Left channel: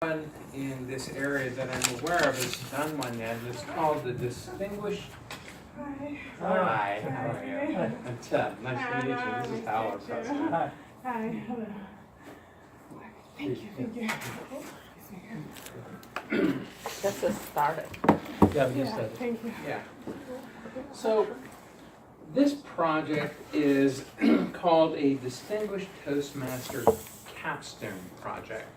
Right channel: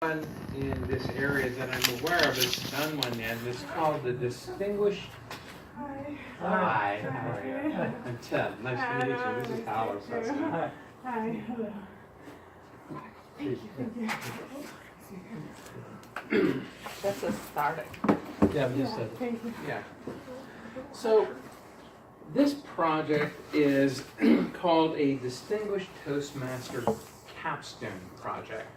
One in this area that I'm aware of has done one yet, and it's called the Distinguished. Hi. Hi, how are you? I'm Ted. Nice to meet you. This is Howard. Hi. Hi. Hello. Thank you. That's just started. Yeah, you said it. Thank you. Yeah. So this project is called a Distinguished Toastmaster Capstone Project.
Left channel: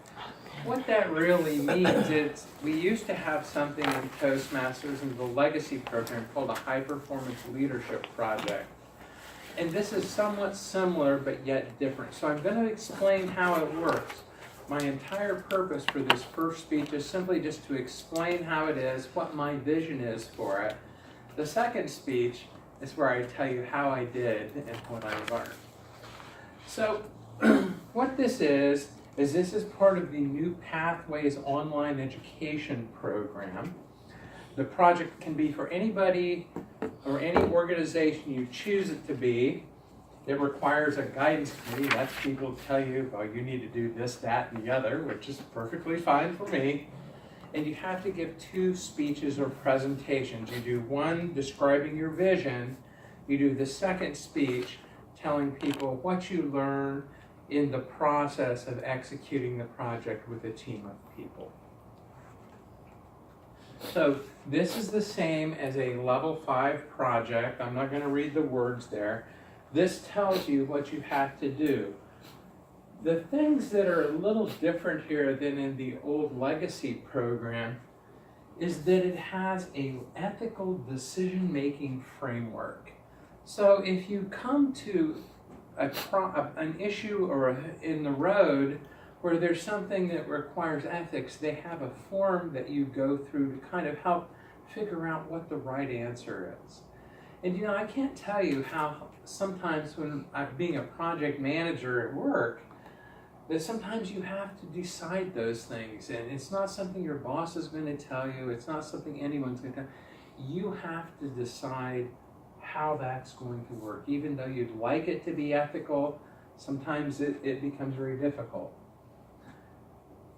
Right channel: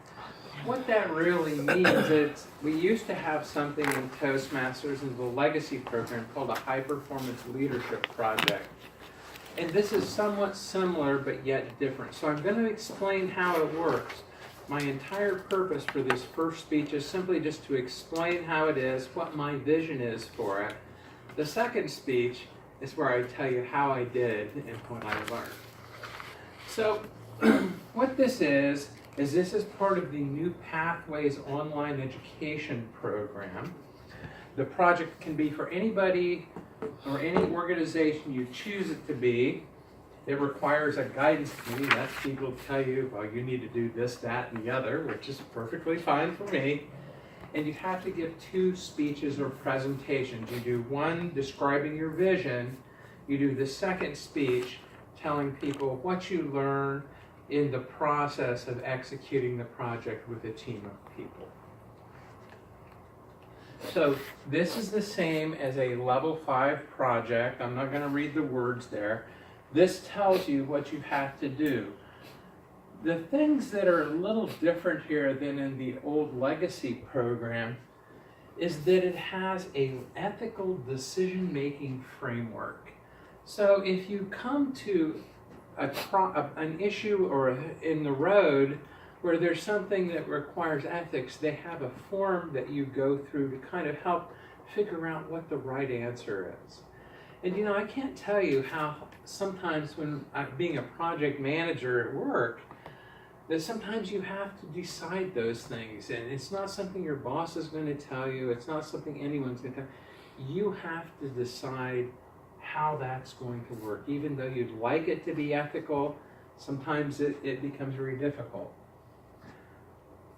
What that really means is we used to have something in Toastmasters in the legacy program called a High Performance Leadership Project. And this is somewhat similar but yet different. So I'm going to explain how it works. My entire purpose for this first speech is simply just to explain how it is, what my vision is for it. The second speech is where I tell you how I did and what I learned. So what this is this is part of the New Pathways online education program. The project can be for anybody or any organization you choose it to be. It requires a guidance committee. That's people tell you, well, you need to do this, that, and the other, which is perfectly fine for me. And you have to give 2 speeches or presentations. You do one describing your vision. You do the second speech telling people what you learn in the process of executing the project with a team of people. So this is the same as a level 5 project. I'm not going to read the words there. This tells you what you have to do. The things that are a little different here than in the old legacy program is that it has an ethical decision-making framework. So if you come to an issue or in the road where there's something that requires ethics, they have a form that you go through to kind of help figure out what the right answer is. And you know, I can't tell you how sometimes when I'm being a project manager at work, that sometimes you have to decide those things, and it's not something your boss is going to tell you, it's not something anyone's going to tell you. You have to decide how that's going to work. Even though you'd like it to be ethical, sometimes it becomes very difficult.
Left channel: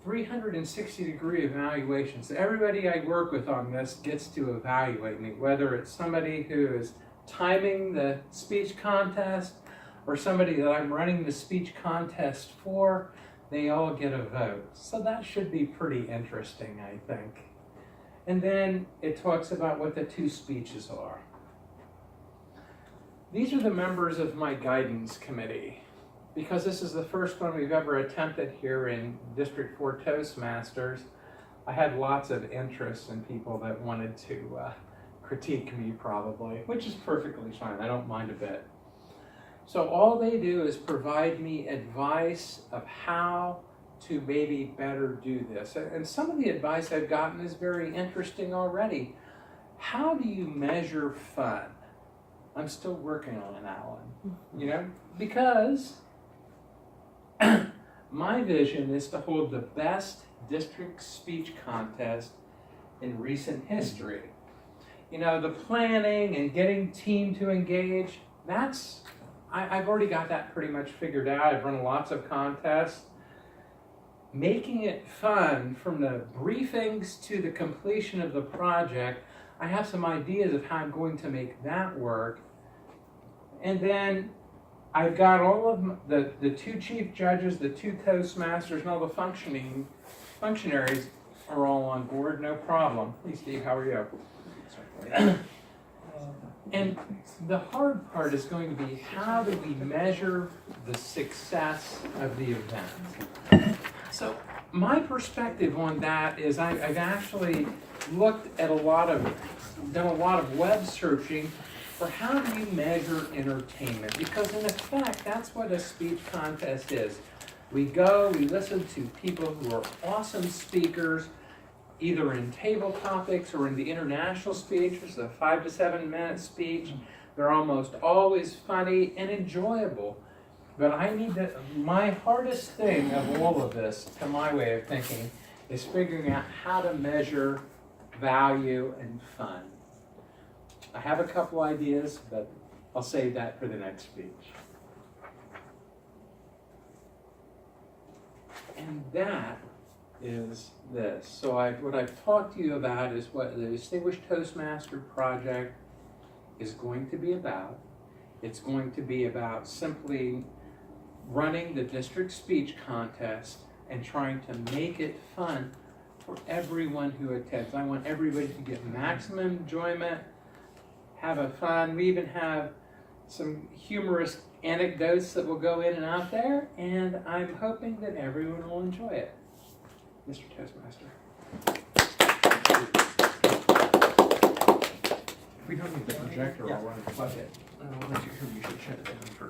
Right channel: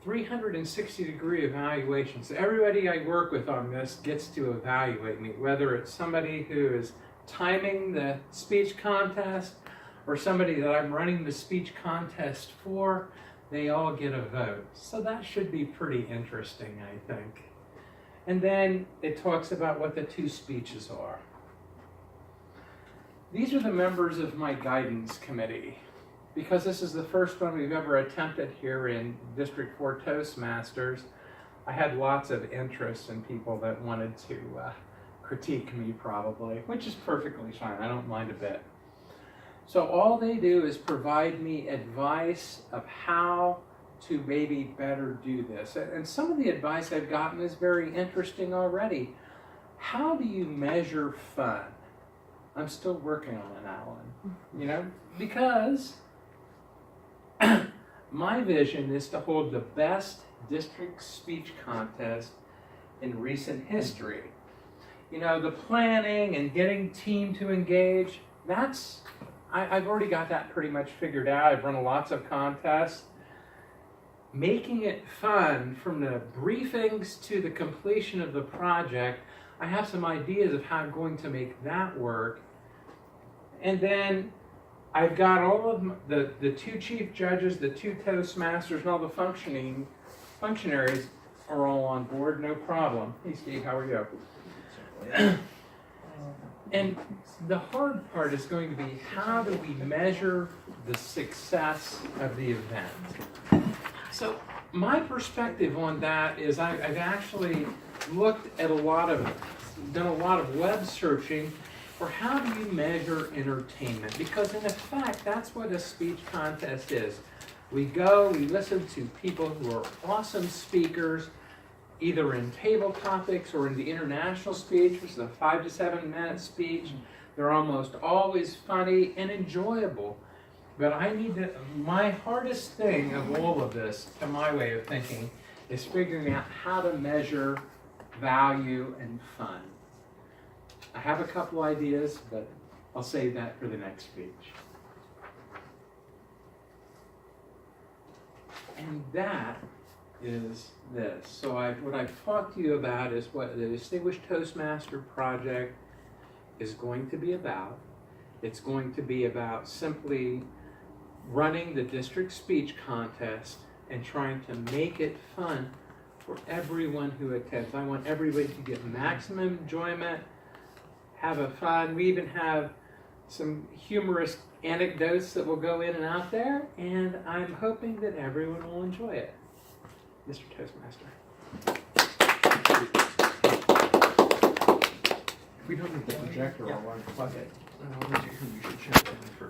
360-degree evaluations. So everybody I work with on this gets to evaluate me, whether it's somebody who is timing the speech contest or somebody that I'm running the speech contest for. They all get a vote. So that should be pretty interesting, I think. And then it talks about what the 2 speeches are. These are the members of my guidance committee. Because this is the first one we've ever attempted here in District 4 Toastmasters, I had lots of interest in people that wanted to critique me probably, which is perfectly fine. I don't mind a bit. So all they do is provide me advice of how to maybe better do this. And some of the advice I've gotten is very interesting already. How do you measure fun? I'm still working on it, Alan. You know, because my vision is to hold the best district speech contest in recent history. You know, the planning and getting team to engage, I've already got that pretty much figured out. I've run lots of contests. Making it fun from the briefings to the completion of the project, I have some ideas of how I'm going to make that work. And then I've got all of the 2 chief judges, the 2 Toastmasters, and all the functionaries are all on board, no problem. Hey Steve, how are you? And the hard part is going to be, how do we measure the success of the event? So my perspective on that is I've actually looked at done a lot of web searching for how do you measure entertainment? Because in effect, that's what a speech contest is. We go, we listen to people who are awesome speakers, either in table topics or in the international speech, which is a 5 to 7 minute speech. They're almost always funny and enjoyable. But my hardest thing of all of this, to my way of thinking, is figuring out how to measure value and fun. I have a couple ideas, but I'll save that for the next speech. And that is this. So what I've talked to you about is what the Distinguished Toastmaster Project is going to be about. It's going to be about simply running the district speech contest and trying to make it fun for everyone who attends. I want everybody to get maximum enjoyment, have a fun. We even have some humorous anecdotes that will go in and out there, and I'm hoping that everyone will enjoy it. Mr. Toastmaster. If we don't need the projector, I'll run and plug it. I don't know who we should check in first.